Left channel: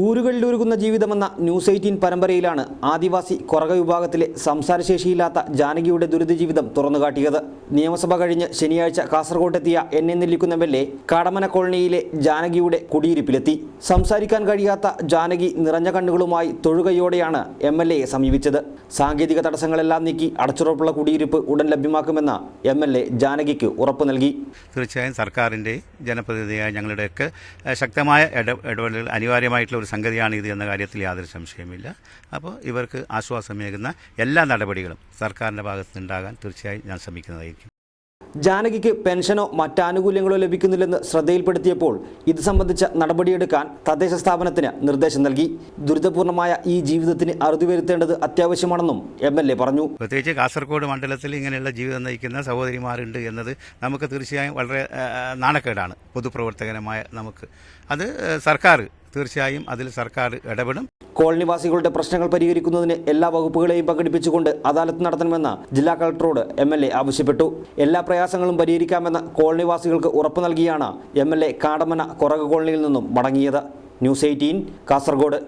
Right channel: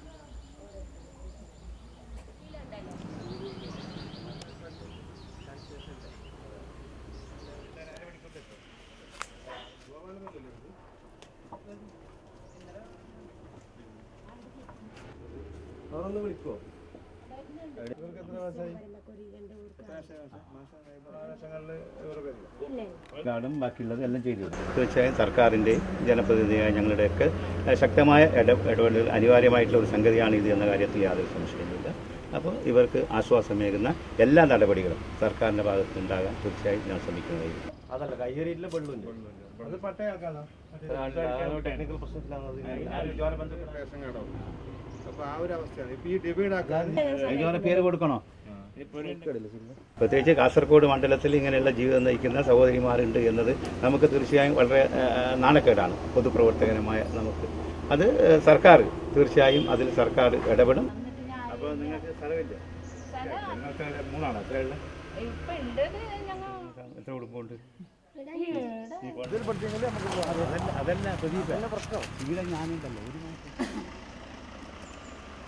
ഊരുകളിലൂരുകുന്ന ജീവിതമെന്ന news eighteen പരമ്പരയിലാണ് ആദിവാസി കുറക വിഭാഗത്തിലെ സംസാരശേഷിയില്ലാത്ത ജാനകിയുടെ ദുരിത ജീവിതം തുറന്നുകാട്ടിയത്. നിയമസഭ കഴിഞ്ഞ് ശനിയാഴ്ച കാസർഗോട്ടെത്തിയ N A Nellikkunnu M L A Kadamana കോളനിയിലെ ജാനകിയുടെ കുടിയിരിപ്പിലെത്തി. സംസാരിക്കാൻ കഴിയാത്ത ജാനകി നിറഞ്ഞ കണ്ണുകളുമായി തൊഴുകയോടെയാണ് എം എൽ എയെ സമീപിച്ചത്. സാങ്കേതിക തടസ്സങ്ങളെല്ലാം നീക്കി അടച്ചുറപ്പുള്ള കുടിയിരിപ്പ് ഉടൻ ലഭ്യമാക്കുമെന്ന് എം എൽ എ ജാനകിക്ക് ഉറപ്പ് നൽകി. തീർച്ചയായും സർക്കാരിന്റെ ജനപ്രതിനിധിയായ ഞങ്ങളുടെയൊക്കെ ശക്തമായ ഇടപെടലുകൾ അനിവാര്യമായിട്ടുള്ള ഒരു സംഗതിയാണ് ഇത് എന്ന കാര്യത്തിൽ യാതൊരു സംശയമില്ല അപ്പോൾ ഇവർക്ക് ആശ്വാസമേകുന്ന എല്ലാ നടപടികളും സർക്കാരിന്റെ ഭാഗത്തുനിന്നുണ്ടാകാൻ തീർച്ചയായും ഞാൻ ശ്രമിക്കുന്നതായിരിക്കും. ജാനകിക്ക് പെൻഷനോ മറ്റാനുകൂല്യങ്ങളോ ലഭിക്കുന്നില്ലെന്ന് ശ്രദ്ധയിൽപ്പെടുത്തിയപ്പോൾ ഇത് സംബന്ധിച്ച നടപടിയെടുക്കാൻ തദ്ദേശ സ്ഥാപനത്തിന് നിർദ്ദേശം നൽകി. ദുരിതപൂർണമായ ഈ ജീവിതത്തിന് അറുതി വരുത്തേണ്ടത് അത്യാവശ്യമാണെന്നും എം എൽ എ പറഞ്ഞു. പ്രത്യേകിച്ച് കാസർഗോഡ് മണ്ഡലത്തിൽ ഇങ്ങനെയുള്ള ജീവിതം നയിക്കുന്ന സഹോദരിമാരുണ്ട് എന്നത് നമുക്ക് തീർച്ചയായും വളരെ നാണക്കേടാണ് പൊതുപ്രവർത്തകരമായ നമുക്ക്. അത് സർക്കാർ തീർച്ചയായും അതിൽ സർക്കാർ ഇടപെടും. കോളനിവാസികളുടെ പ്രശ്നങ്ങൾ പരിഹരിക്കുന്നതിന് എല്ലാ വകുപ്പുകളെയും പങ്കെടുപ്പിച്ചുകൊണ്ട് അദാലത്ത് നടത്തണമെന്ന് ജില്ലാ കളക്ടറോട് എം എൽ എ ആവശ്യപ്പെട്ടു. എല്ലാ പ്രയാസങ്ങളും പരിഹരിക്കാമെന്ന് കോളനിവാസികൾക്ക് ഉറപ്പു നൽകിയാണ് എം എൽ എ കാടമന കുറക് കോളനിയിൽ നിന്നും മടങ്ങിയത്. News eighteen Kasaragod.